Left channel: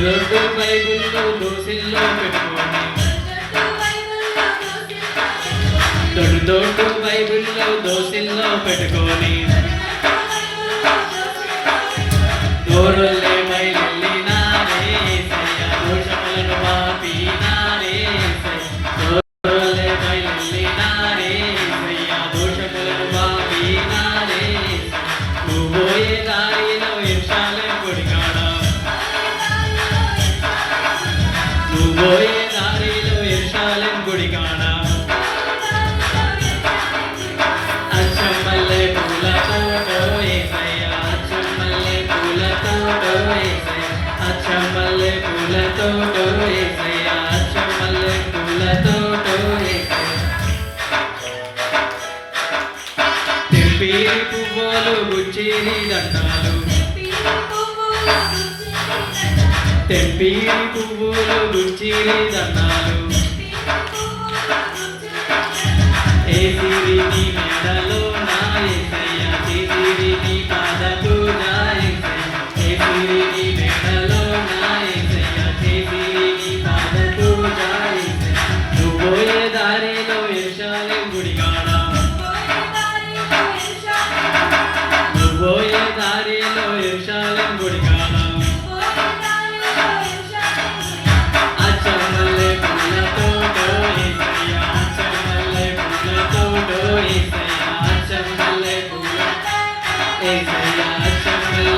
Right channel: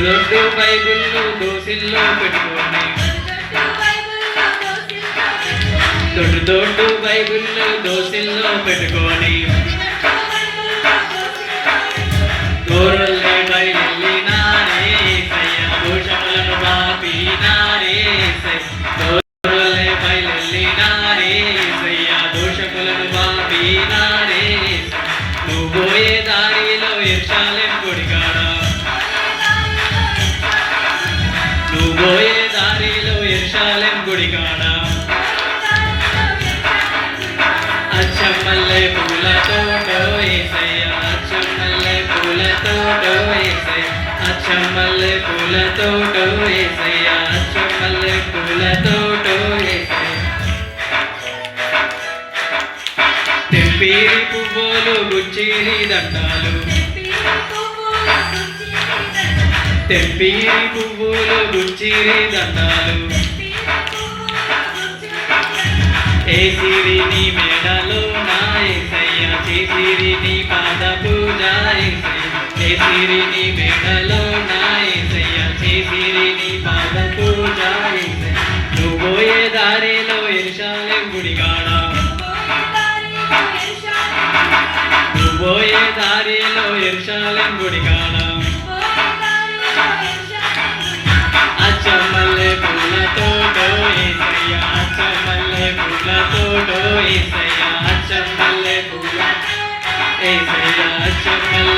దొడ్డు దొడ్డు బైబిళ్ళు దోసిల్లో పెట్టుకొని దొడ్డు దొడ్డు బైబిళ్ళు దోసిల్లో పెట్టుకొని పోయే దారిలో ఇర్షాలెం గుడికాడ అచ్చమల్లె పూలతో ఏసయ్య అచ్చమల్లె పూలతో ఏసయ్య అచ్చమల్లె పూలతో ఏసయ్య అచ్చమల్లె పూలతో తెంపేరి పువ్వులు గుచ్చేరి దండాలు తెంపేరి పువ్వులు గుచ్చిరి దండాలు ఏసిరి నీ మెడలో నా ఏసయ్య చేసిరి నీ పాద పూజ ఏసయ్య ఏసిరి నీ మెడలో నా ఏసయ్య చేసిరి నీ పాద పూజ ఏసయ్య నువ్వు దారిలో ఎరుషాలెం గుడిగాడ నువ్వోయే దారిలో ఎరుషాలెం తోడు ఏసయ్యా చెమ్మలే ఏసయ్యా చెమ్మలే